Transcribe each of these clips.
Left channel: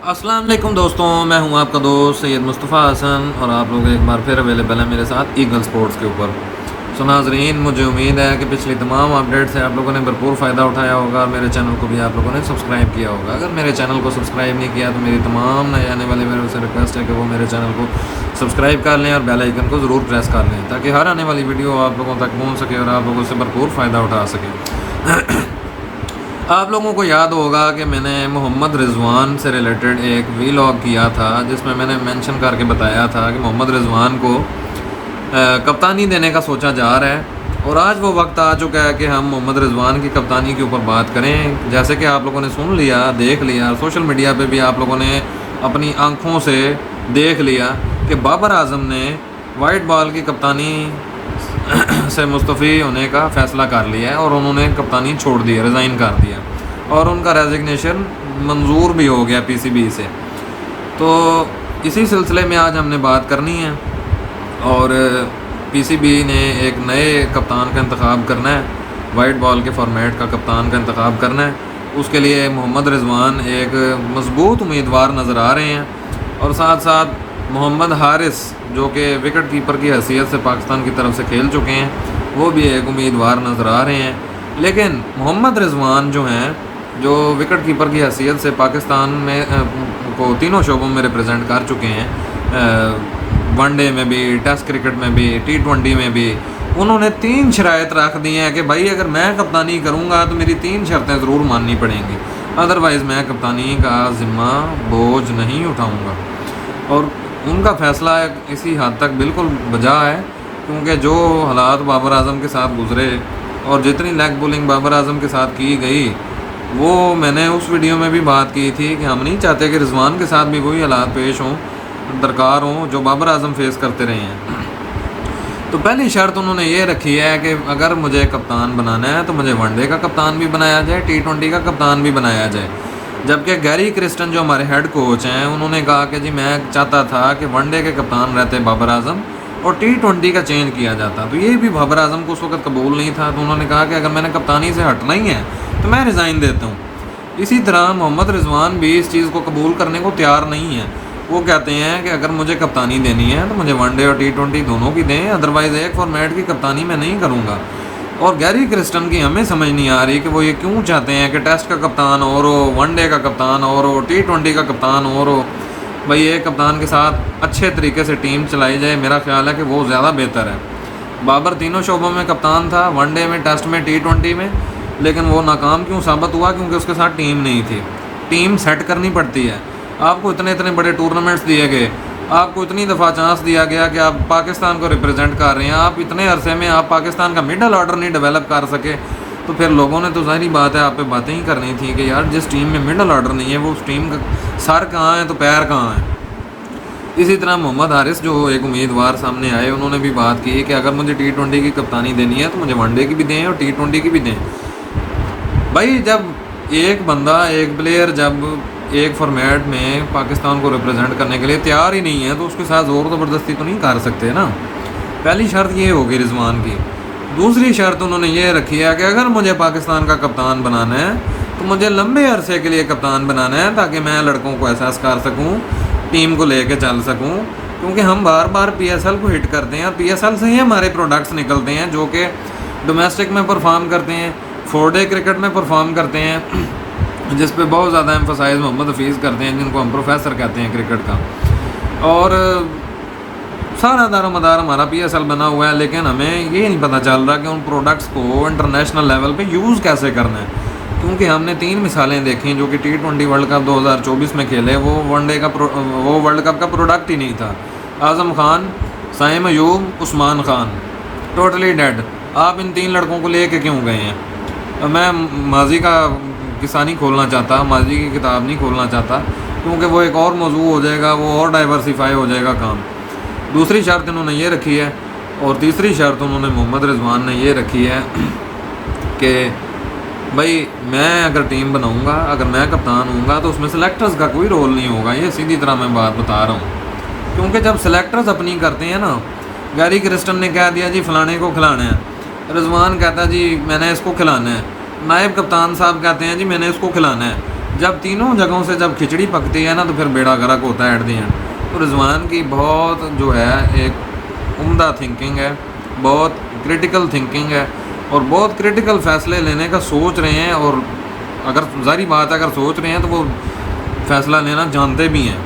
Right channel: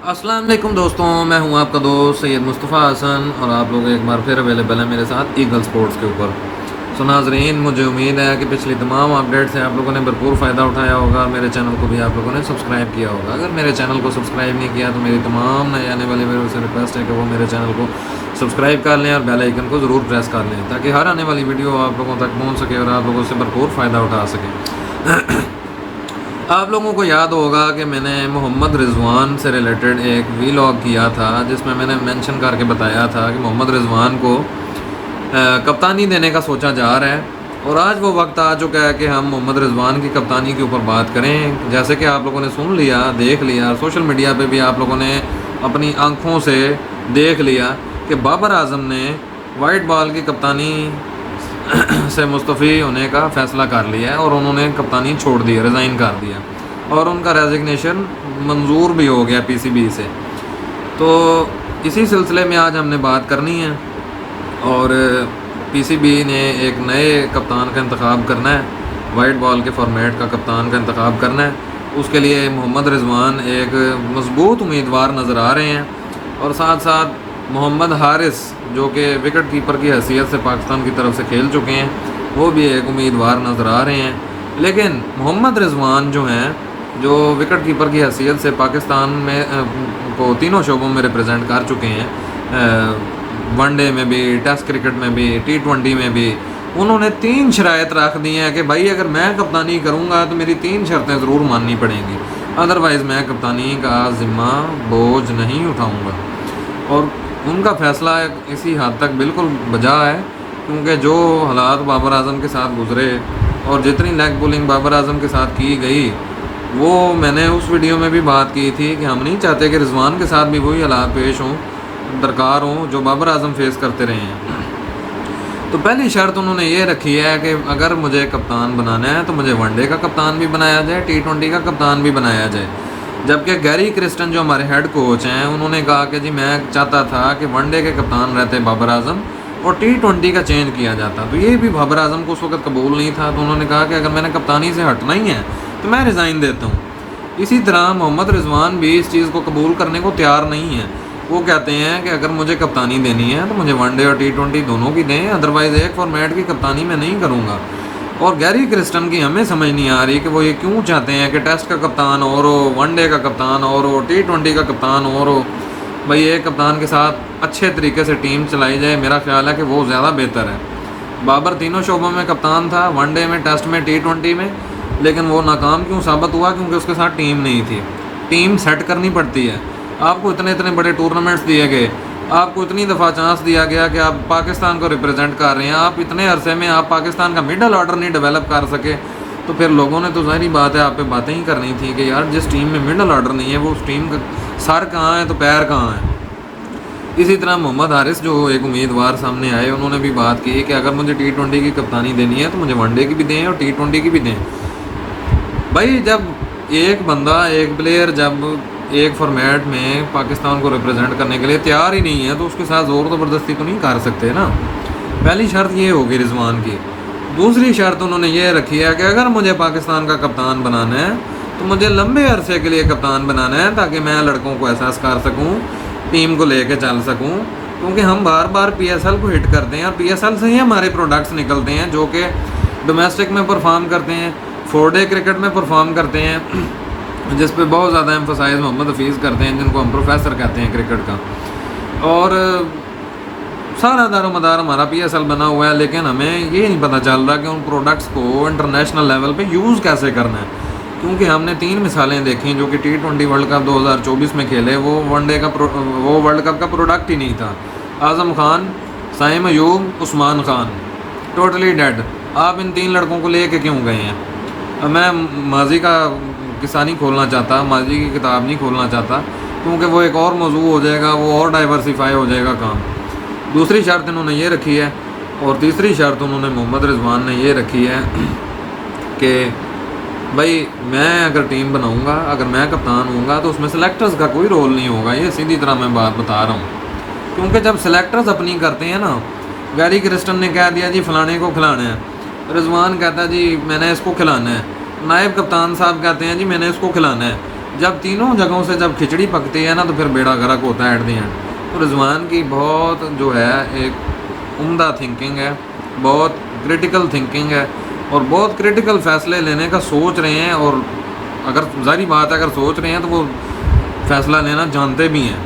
अस्सलाम वालेकुम दोस्तों, मैं हूं आपका दोस्त सैयद मुस्तफ़ा हसन और आप लोग एक बार फिर अवेलेबल है मेरे साथ ईगल स्पोर्ट्स के ऊपर। सो नाज़रीन, मुझे उम्मीद है कि पिछली तमाम अपडेट्स हैं आप लोगों ने भरपूर फ़ायदा उठाया होगा। मेरे चैनल को भी आप लोगों ने सब्सक्राइब किया होगा। अगर मेरे चैनल को सब्सक्राइब नहीं किया तो मेरी तमाम नए आने वाले मेरे से रिक्वेस्ट है कि वो मेरे चैनल को सब्सक्राइब कर लें और बेल आइकन को ज़रूर प्रेस कर लें ताकि हर आने वाली वीडियो आप लोगों तक पहुँच सके और आप लोगों से भरपूर फ़ायदा उठा सकें। आप लोगों को याद होगा कि मैंने मोहम्मद रिजवान से रिलेटेड एक वीलॉग किया था जिसमें मैंने मेंशन करके बताया था कि मोहम्मद रिजवान को कप्तानी देने का सोचा जा रहा है और आज वो वक्त आ चुका है कि हम मोहम्मद रिजवान की कप्तानी के ऊपर बात करें। जैसे कि आप लोगों ने सुन लिया, देख लिया, सोशल मीडिया पे भी आप लोगों ने अपनी आंखों से देख लिया कि बाबर आजम ने वाइट बॉल की कप्तानी से मुस्तफ़ी होने का फ़ैसला कर लिया है और उन्होंने कप्तानी छोड़ दी है, रिज़ाइन कर दिया और उनका रेजिग्नेशन मंजूर भी हो गया पीसीबी से। तो इसी सिलसिले में आज हमने बात करनी है और पीसीबी ने एक नए कप्तान का इंतखाब करना है, वाइट बॉल के फॉर्मेट का कप्तान का इंतखाब करना है। उसके लिए मोहम्मद रिजवान एक मजबूत उम्मीदवार नज़र आ रहे हैं और साथ साथ मोहम्मद हारिस जो कि विकेट कीपर की हैसियत से पाकिस्तान की तरफ से खेल चुके हैं, वो भी एक उम्मीदवार नज़र आ रहे हैं। लेकिन मोहम्मद रिजवान जो हैं, जो विकेट कीपर की हैसियत से पाकिस्तान में को तीनों शोबों में रिप्रेजेंट कर चुके हैं, वनडे में भी, टेस्ट क्रिकेट में भी, T20 में भी, उन्होंने 3 शराइत रख दी हैं कि भाई अगर मैं कप्तानी करूँगा तो मेरी 3 शर्तें ज़रूर माननी पड़ेंगी, अदरवाइज़ मैं कप्तानी का ज़िम्मा बोझ नहीं उठाऊँगा। और उनका फ़ैसला इसी हद तक बिल्कुल बजा है क्योंकि जो हालात बाबर आजम के साथ गुज़रे और जितनी लेग पुलिंग बाबर आजम के साथ की गई, वो मैंने उस वीडियो में भी बात की थी कि हम नहीं चाहते कि रिजवान के साथ भी वही हालात पेश हों, दरकार हों जो बाबर आजम फेस करते रहे हैं। तो पहली शर्त उन्होंने ये रखी है कि अगर मुझे कप्तान बनाना है तो मुझे वनडे का कप्तान भी बनाया जाए, T20 का कप्तान भी बनाया जाए। जबकि गैरी क्रिस्टन जो हमारे हेड कोच हैं, उन्होंने कहा कि जी मैं चाहता था कि वनडे के कप्तान रहते बाबर आजम और T20 का चेंज किया जाता। तो ये भी बाबर आजम को उस वक्त कबूल नहीं था। तो उन्होंने कहा कि अगर मैंने कप्तानी से हटना ही है तो मैं रिज़ाइन देता हूँ। इसी तरह मोहम्मद रिजवान भी इस चीज़ को कबूल करने को तैयार नहीं है। वो कहते हैं कि अगर मुझे कप्तानी देनी है तो मुझे वनडे और T20 दोनों की दें, अदरवाइज़ एक फॉर्मेट की कप्तानी मैं नहीं करूँगा। और गैरी क्रिस्टन की हमें समझ नहीं आ रही कि वो ये क्यों चाहते हैं कि टेस्ट का कप्तान और हो, वनडे का कप्तान और हो, T20 का कप्तान और हो। भाई एक कप्तान के साथ अच्छे तरीके से टीम चलाई जाए, मेरा ख्याल है कि वो ज़्यादा बेहतर है। बाबर तीनों शोबों में कप्तान था, वनडे में, टेस्ट में, T20 में, लेकिन वो नाकाम क्यों साबित हुआ? क्योंकि उसके साथ टीम नहीं थी। टीम सेट करनी पड़ती है। आपको इतने इतने बड़े टूर्नामेंट्स दिए गए, आपको इतनी दफ़ा चांस दिया गया कि आप पाकिस्तान को रिप्रेजेंट कर रहे हैं, आप इतने अरसे में आप पाकिस्तान का मिडल ऑर्डर नहीं डेवलप कर सके, तो फिर लोगों ने तो ज़ाहिरी बात है आप पे बातें ही करनी थी कि यार जिस टीम में मिडल ऑर्डर नहीं है वो उस टीम का सर कहाँ है तो पैर कहाँ है। इसी तरह मोहम्मद हारिस जो एक उम्मीदवार सामने आए, उन्होंने भी बात की कि अगर मुझे T20 की कप्तानी देनी है तो मुझे वनडे की भी दें और T20 की भी दें। भाई जब एक बंदा, एक प्लेयर जब एक फॉर्मेट में पाकिस्तान को रिप्रेजेंट करने के लिए तैयार ही नहीं है तो उसके साथ ज़ोर ज़बरदस्ती तो नहीं कर सकते ना। पहली शर्त ये होगी रिजवान की। दूसरी शर्त उन्होंने ये रखी है कि अगर मुझे पाकिस्तान का कप्तान बनाना है तो मुझे लंबे अरसे के लिए कप्तान बनाना है ताकि मैं लड़कों को एहसास कर सकूँ, टीम को लेके चल सकूँ। क्योंकि हम बार बार PSL को हिट करते हैं, PSL से ही हमारे प्रोडक्ट्स निकलते हैं जो कि डोमेस्टिक में परफॉर्म करते हैं, 4-डे क्रिकेट में परफॉर्म करते हैं, जिस पे बहुत ज़्यादा एम्फोसाइज मोहम्मद हफीज़ करते हैं, जिनको हम प्रोफेसर कहते हैं क्रिकेट का। और सारा दारोमदार हमारा PSL बना हुआ है, लेकिन हमें ये नहीं पता चल रहा कि उन प्रोडक्ट्स को इंटरनेशनल लेवल पे यूज़ कैसे करना है। क्योंकि हमने 3 मिसालें देखी जो कि T20 वर्ल्ड कप 2024 में खेले, वो वनडे का वो वर्ल्ड कप का प्रोडक्ट ही नहीं था। Azam Khan, Saim Ayub, Usman Khan, totally dead. आप इन 3 लड़कों को लेके क्यों गए हैं? मैं माजी का किस्सा नहीं खोलना चाहता, माजी की किताब नहीं खोलना चाहता, क्योंकि वो एक और मौजू हो जाएगा, वो और डाइवर्सिफाई हो जाएगा काम। दूसरी शर्त इन्होंने ये रखी है और तीसरी शर्त उन्होंने मोहम्मद रिजवान ने ये रखी है कि भाई मैं अगर टीम बनाऊंगा, अगर मैं कप्तान होऊंगा तो उसमें सेलेक्टर्स का कोई रोल नहीं होगा। ये सीधी तरह मैं बात बता रहा हूँ, क्योंकि जब सेलेक्टर्स अपनी करते हैं ना, गैरी क्रिस्टन ने कह दिया जी फलाने को खिलाना है, रिजवान कहता है जी मैंने इसको खिलाना है, नायब कप्तान साहब कहते हैं जी मैंने इसको खिलाना है, جب تینوں جگہوں سے جب کھچڑی پکتی ہے نا تو پھر بیڑا غرق ہوتا ہے ایٹ دی اینڈ. تو رضوان کی بہت جو ہے ایک عمدہ تھنکنگ ہے, بہت کریٹیکل تھنکنگ ہے, اور بہت کریٹیکل فیصلے لینے کا سوچ رہے ہیں. اور اگر ظاہری بات ہے اگر سوچ رہے ہیں تو وہ فیصلہ لینا جانتے بھی ہیں,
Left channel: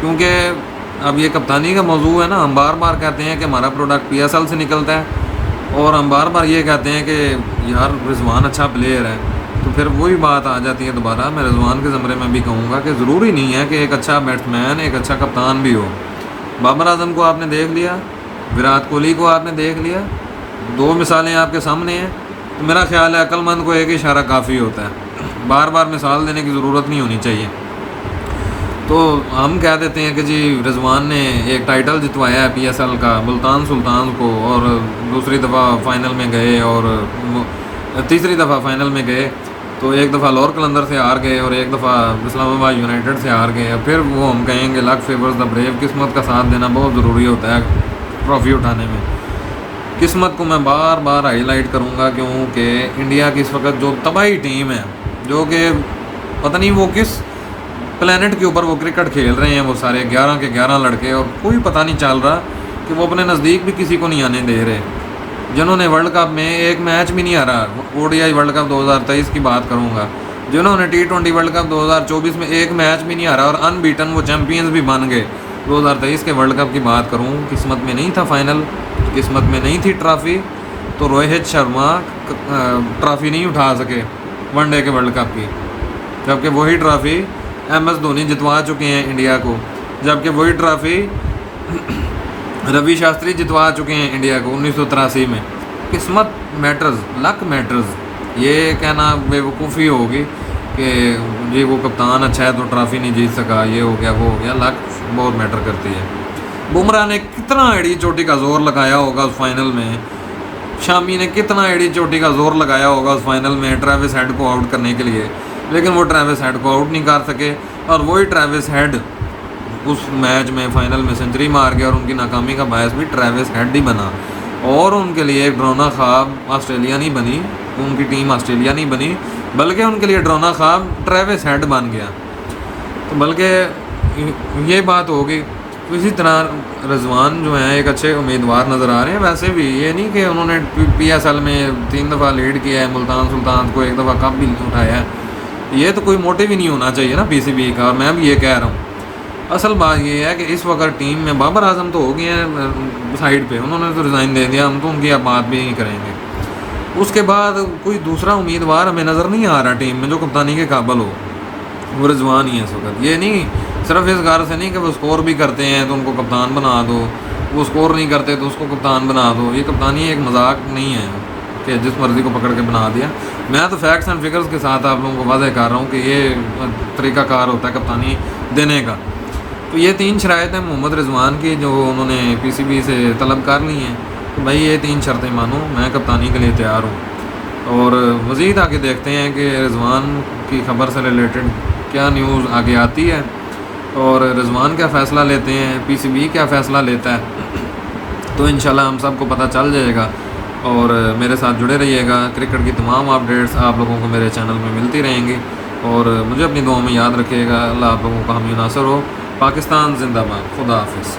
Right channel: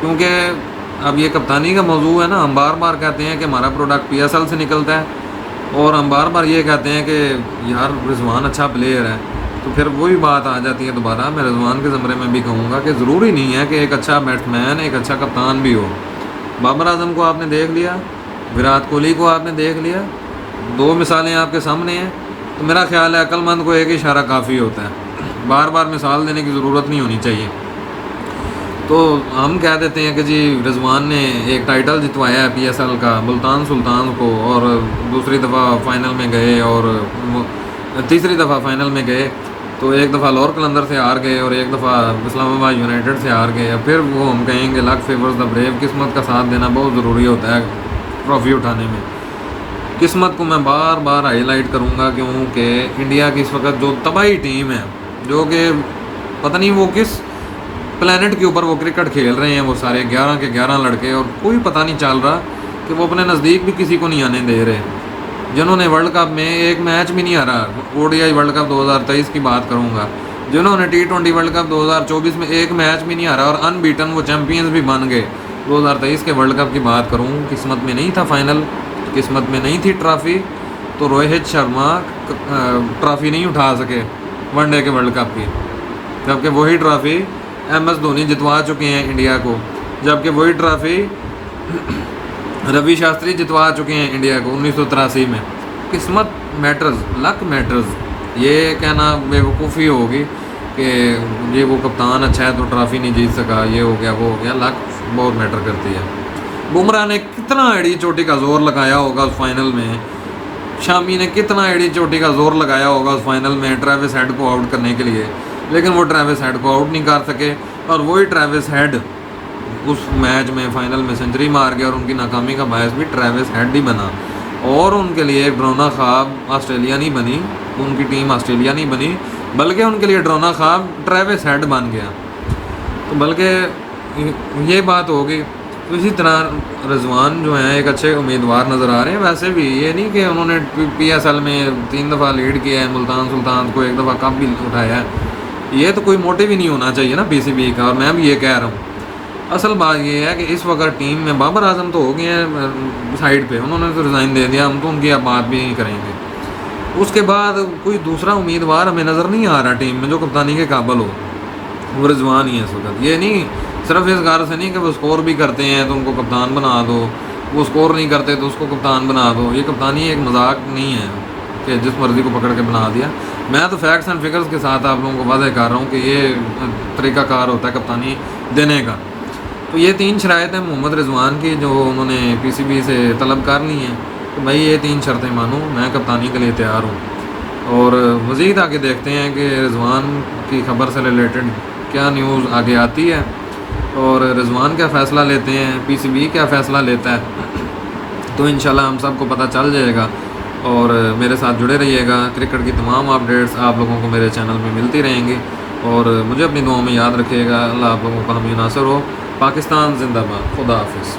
کیونکہ اب یہ کپتانی کا موضوع ہے نا. ہم بار بار کہتے ہیں کہ ہمارا پروڈکٹ پی ایس ایل سے نکلتا ہے, اور ہم بار بار یہ کہتے ہیں کہ یار رضوان اچھا پلیئر ہے, تو پھر وہی بات آ جاتی ہے دوبارہ. میں رضوان کے زمرے میں بھی کہوں گا کہ ضروری نہیں ہے کہ ایک اچھا بیٹس مین ایک اچھا کپتان بھی ہو. بابر اعظم کو آپ نے دیکھ لیا, وراٹ کوہلی کو آپ نے دیکھ لیا, دو مثالیں آپ کے سامنے ہیں. تو میرا خیال ہے عقل مند کو ایک اشارہ کافی ہوتا ہے, بار بار مثال دینے کی ضرورت نہیں ہونی چاہیے. تو ہم کہہ دیتے ہیں کہ جی رضوان نے ایک ٹائٹل جتوایا ہے پی ایس ایل کا ملتان سلطان کو, اور دوسری دفعہ فائنل میں گئے, اور تیسری دفعہ فائنل میں گئے. تو ایک دفعہ لاہور قلندر سے ہار گئے, اور ایک دفعہ اسلام آباد یونائٹیڈ سے ہار گئے. پھر وہ ہم کہیں گے لک فیورز دا بریو, قسمت کا ساتھ دینا بہت ضروری ہوتا ہے ٹرافی اٹھانے میں. قسمت کو میں بار بار ہائی لائٹ کروں گا, کیونکہ انڈیا کی اس وقت جو تباہی ٹیم ہے, جو کہ پتہ نہیں وہ کس پلینٹ کے اوپر وہ کرکٹ کھیل رہے ہیں, وہ سارے 11 کے 11 لڑکے, اور کوئی پتہ نہیں چل رہا کہ وہ اپنے نزدیک بھی کسی کو نہیں آنے دے رہے. جنہوں نے ورلڈ کپ میں ایک میچ بھی نہیں ہارا, O D I World Cup 2023 کی بات کروں گا, جنہوں نے T20 ورلڈ کپ 2024 میں ایک میچ بھی نہیں ہارا اور ان بیٹن وہ چیمپئنز بھی بن گئے. 2023 کے ورلڈ کپ کی بات کروں, قسمت میں نہیں تھا فائنل, قسمت میں نہیں تھی ٹرافی, تو روہت شرما ٹرافی نہیں اٹھا سکے ون ڈے کے ورلڈ کپ کی, جبکہ وہی ٹرافی ایم ایس دھونی جتوا چکے ہیں انڈیا کو, جبکہ وہی ٹرافی روی شاستری جتوا چکے ہیں انڈیا کو 1983 میں. قسمت میٹرز, لک میٹرز. یہ کہنا بے وقوفی ہوگی کہ یہ وہ کپتان اچھا ہے تو ٹرافی نہیں جیت سکا, یہ ہو گیا وہ ہو گیا. لک بہت میٹر کرتی ہے. بمراہ نے کتنا ایڑی چوٹی کا زور لگایا ہوگا اس فائنل میں, شامی نے کتنا ایڑی چوٹی کا زور لگایا ہوگا اس فائنل میں ٹریوس ہیڈ کو آؤٹ کرنے کے لیے, لیکن وہ ٹریوس ہیڈ کو آؤٹ نہیں کر سکے. اور وہی ٹریوس ہیڈ اس میچ میں فائنل میں سنچری مار گیا, اور ان کی ناکامی کا باعث بھی ٹریوس ہیڈ ہی بنا, اور ان کے لیے ڈرونا خواب آسٹریلیا نہیں بنی, ان کی ٹیم آسٹریلیا نہیں بنی, بلکہ ان کے لیے ڈرونا خواب ٹریوس ہیڈ بن گیا. تو بلکہ یہ بات ہوگی. اسی طرح رضوان جو ہے ایک اچھے امیدوار نظر آ رہے ہیں. ویسے بھی یہ نہیں کہ انہوں نے پی ایس ایل میں 3 دفعہ لیڈ کیا ہے, ملتان سلطان کو 1 دفعہ کپ بھی اٹھایا ہے, یہ تو کوئی موٹیو ہی نہیں ہونا چاہیے نا پی سی بی کا. اور میں بھی یہ کہہ رہا ہوں, اصل بات یہ ہے کہ اس وقت ٹیم میں بابر اعظم تو ہو گیا ہے سائڈ پہ, انہوں نے تو ریزائن دے دیا, ہم تو ان کی اب بات بھی نہیں کریں گے. اس کے بعد کوئی دوسرا امیدوار ہمیں نظر نہیں آ رہا ٹیم میں جو کپتانی کے قابل ہو, وہ رضوان ہی ہے اس وقت. یہ نہیں صرف اس غرض سے نہیں کہ وہ اسکور بھی کرتے ہیں تو ان کو کپتان بنا دو, وہ اسکور نہیں کرتے تو اس کو کپتان بنا دو. یہ کپتانی ایک مذاق نہیں ہے کہ جس مرضی کو پکڑ کے بنا دیا. میں تو فیکٹس اینڈ فگرز کے ساتھ آپ لوگوں کو واضح کر رہا ہوں کہ یہ طریقہ کار ہوتا ہے کپتانی دینے کا. تو یہ 3 شرائط ہیں محمد رضوان کی جو انہوں نے پی سی بی سے طلب کرنی ہے. بھائی یہ 3 شرطیں مانو, میں کپتانی کے لیے تیار ہوں. اور مزید آگے دیکھتے ہیں کہ رضوان کی خبر سے ریلیٹڈ کیا نیوز آگے آتی ہے, اور رضوان کیا فیصلہ لیتے ہیں, پی سی بی کیا فیصلہ لیتا ہے. تو انشاءاللہ ہم سب کو پتہ چل جائے گا. اور میرے ساتھ جڑے رہیے گا, کرکٹ کی تمام اپڈیٹس آپ لوگوں کو میرے چینل میں ملتی رہیں گی. اور مجھے اپنی دعا میں یاد رکھیے گا. اللہ آپ لوگوں کا حامی ناصر ہو. پاکستان زندہ باد. خدا حافظ.